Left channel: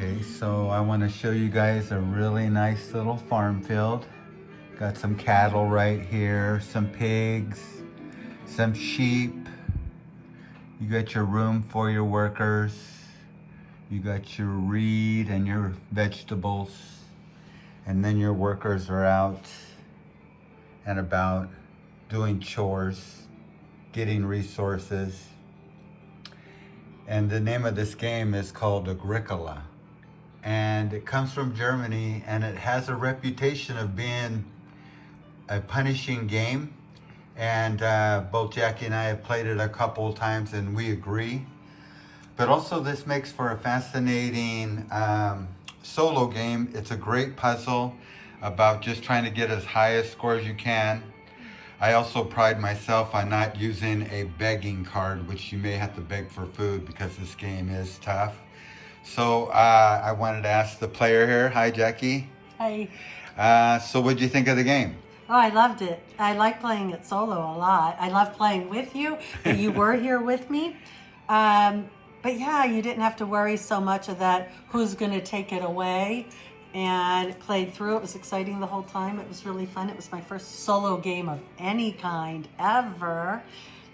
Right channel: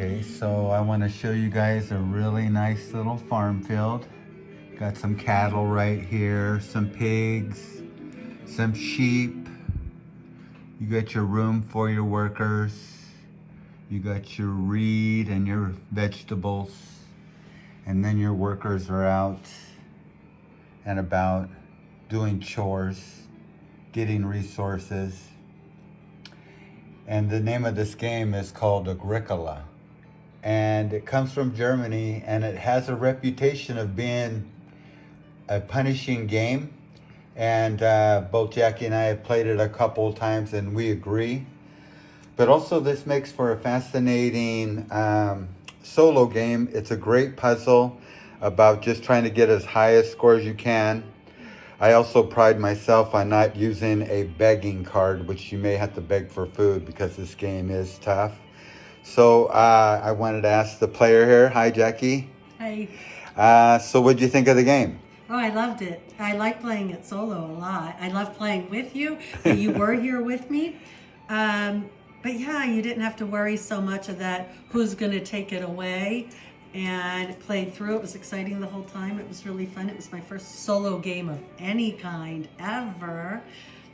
Okay, so I want to show you guys a really nice little farm field. Got some cattle right here, some pigs, some sheep. You got your room for your workers. You got your reed and your vegetables. And then your workers are out and about doing chores, getting resources. And the name of this game is called Agricola. And it comes from Germany, and it has a reputation of being a punishing game. And both Jackie and I have played it a couple of times, and we agree. But also, this makes for a fascinating solo game. It's a great puzzle about just trying to get as high a score as you can. I also pride myself on not using a begging card, which you may have to beg for food because this game is tough. So I wanted to ask the player here. Hi, Jackie. Hi. So what did you think of the game? Oh, I loved it. I like playing it solo a lot. I love playing with you, but you were here with me. But yeah, you didn't have to worry so much of that, who's going to take it away, and played through. It was exciting the whole time. It was really fun. It was my first solo game of any kind ever.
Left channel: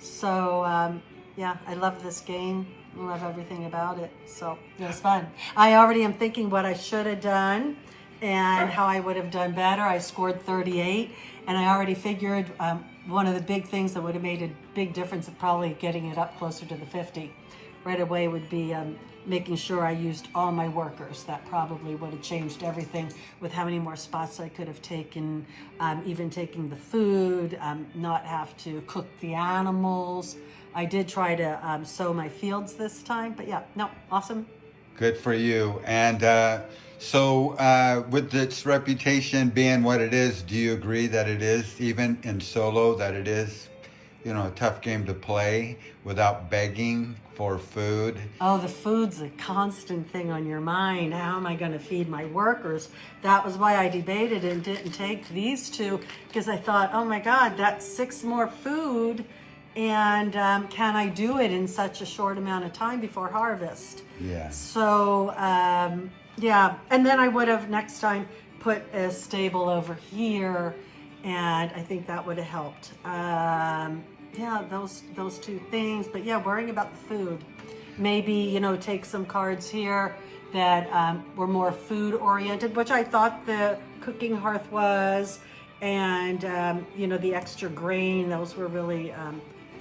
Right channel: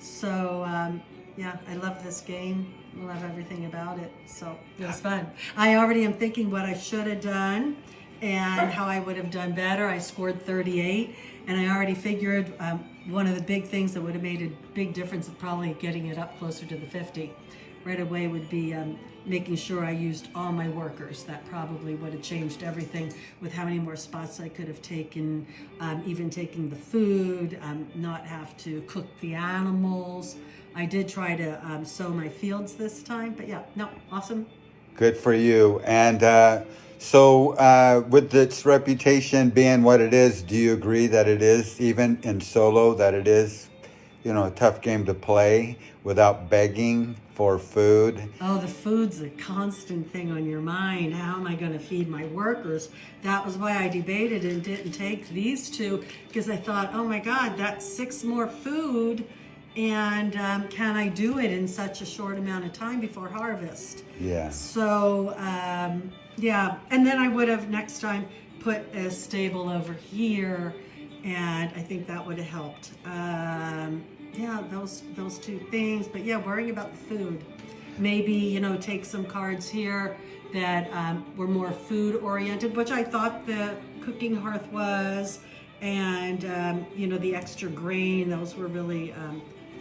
So yeah, I love this game. I love everything about it. So it was fun. I already am thinking what I should have done and how I would have done better. I scored 38, and I already figured one of the big things that would have made a big difference of probably getting it up closer to the 50 right away would be making sure I used all my workers. That probably would have changed everything with how many more spots I could have taken, even taking the food, not have to cook the animals. I did try to sow my fields this time, but yeah, no, awesome. Good for you. And so with its reputation being what it is, do you agree that it is, even in solo, that it is, a tough game to play without begging for food? Oh, the food's a constant thing on your mind. How am I going to feed my workers? That was why I debated and didn't take these two, because I thought, oh my God, that's 6 more food. And can I do it in such a short amount of time before harvest? Yeah. So, yeah. And then I would have next time put a stable over here, and I think that would have helped. Yeah, those two things. But yeah, worrying about the food. Maybe, take some cards here that were more food oriented, which I thought the cooking hearth was, and the extra grain, those were really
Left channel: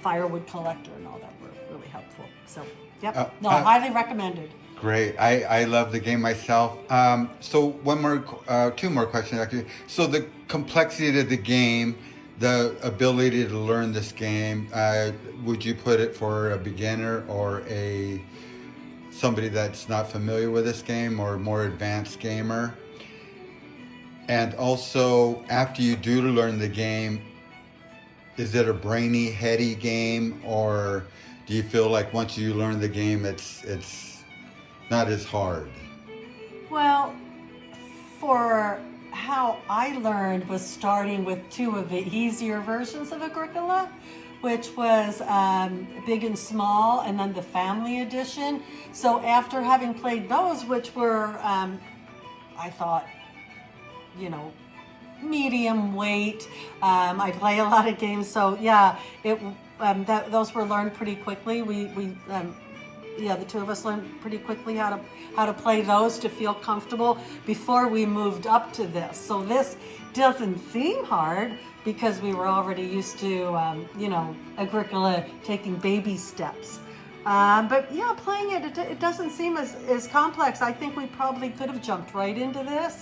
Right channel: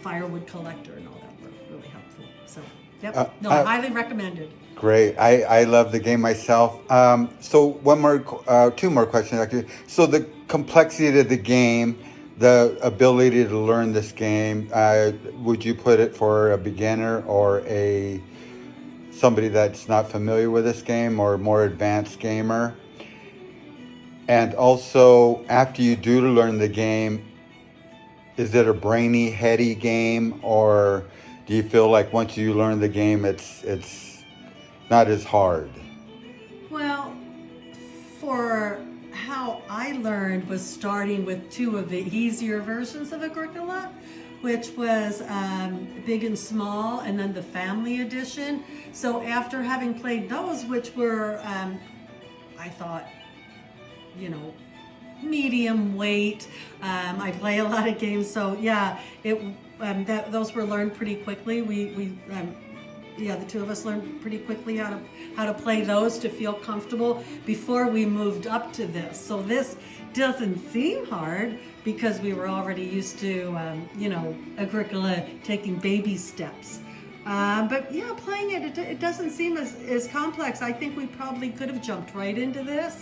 firewood collector and all that were really helpful. So yep, highly recommended. Great. I love the game myself. So two more questions actually. So the complexity of the game, the ability to learn this game, would you put it for a beginner or somebody that's not familiar with this game, or a more advanced gamer? And also, after you do learn the game, is it a brainy, heady game, or do you feel like once you learn the game, it's not as hard? Well, for how I learned was starting with 2 of the easier versions of Agricola, which was Big and Small, and then the Family Edition. So after having played those, which were, I thought, medium weight. I play a lot of games, so yeah, those were learned pretty quickly. The 2 of us learned pretty quickly how to play those to feel comfortable before we moved up to this. So this doesn't seem hard because we were already used to, Agricola taking baby steps. But yeah, playing it doesn't seem as complex. I think we probably could have jumped right into this.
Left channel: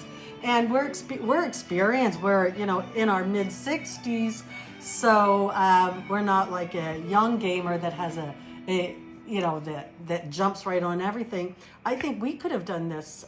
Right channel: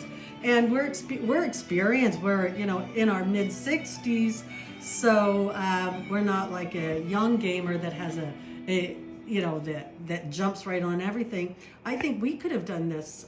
And we're experienced. We're in our mid 60s, so we're not like a young gamer that has that jumps right on everything. I think we could have done this,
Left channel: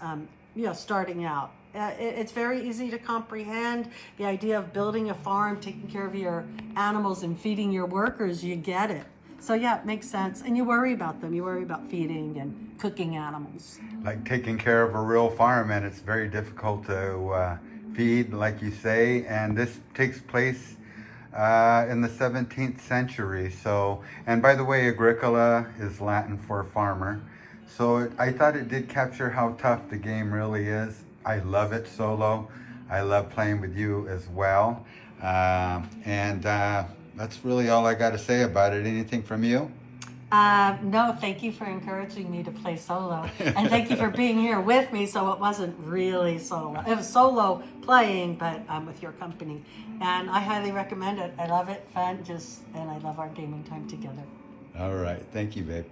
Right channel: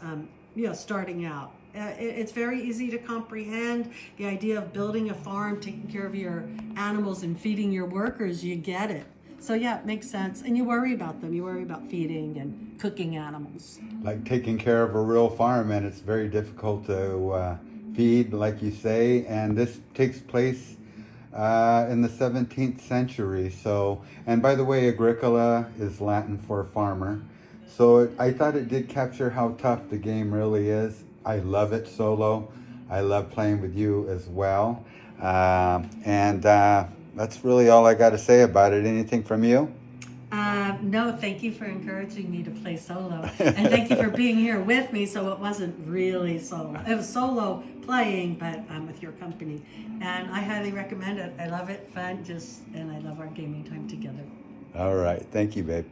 starting out. It's very easy to comprehend. The idea of building a farm, taking care of your animals, and feeding your workers, you get it. So yeah, it makes sense. And you worry about them. You worry about feeding and cooking animals. Like taking care of a real farm, and it's very difficult to feed, like you say. And this takes place in the 17th century. So, and by the way, Agricola is Latin for farmer. So I thought it did capture how tough the game really is. I love it solo. I love playing with you as well. And that's really all I got to say about it. Anything from you? No, thank you for encouraging me to play solo. And thank you for being here with me so it wasn't really solo. It was solo playing, but I'm with your company. And I highly recommend it. I love it, fun, and I love our gaming time together. All right. Thank you, babe.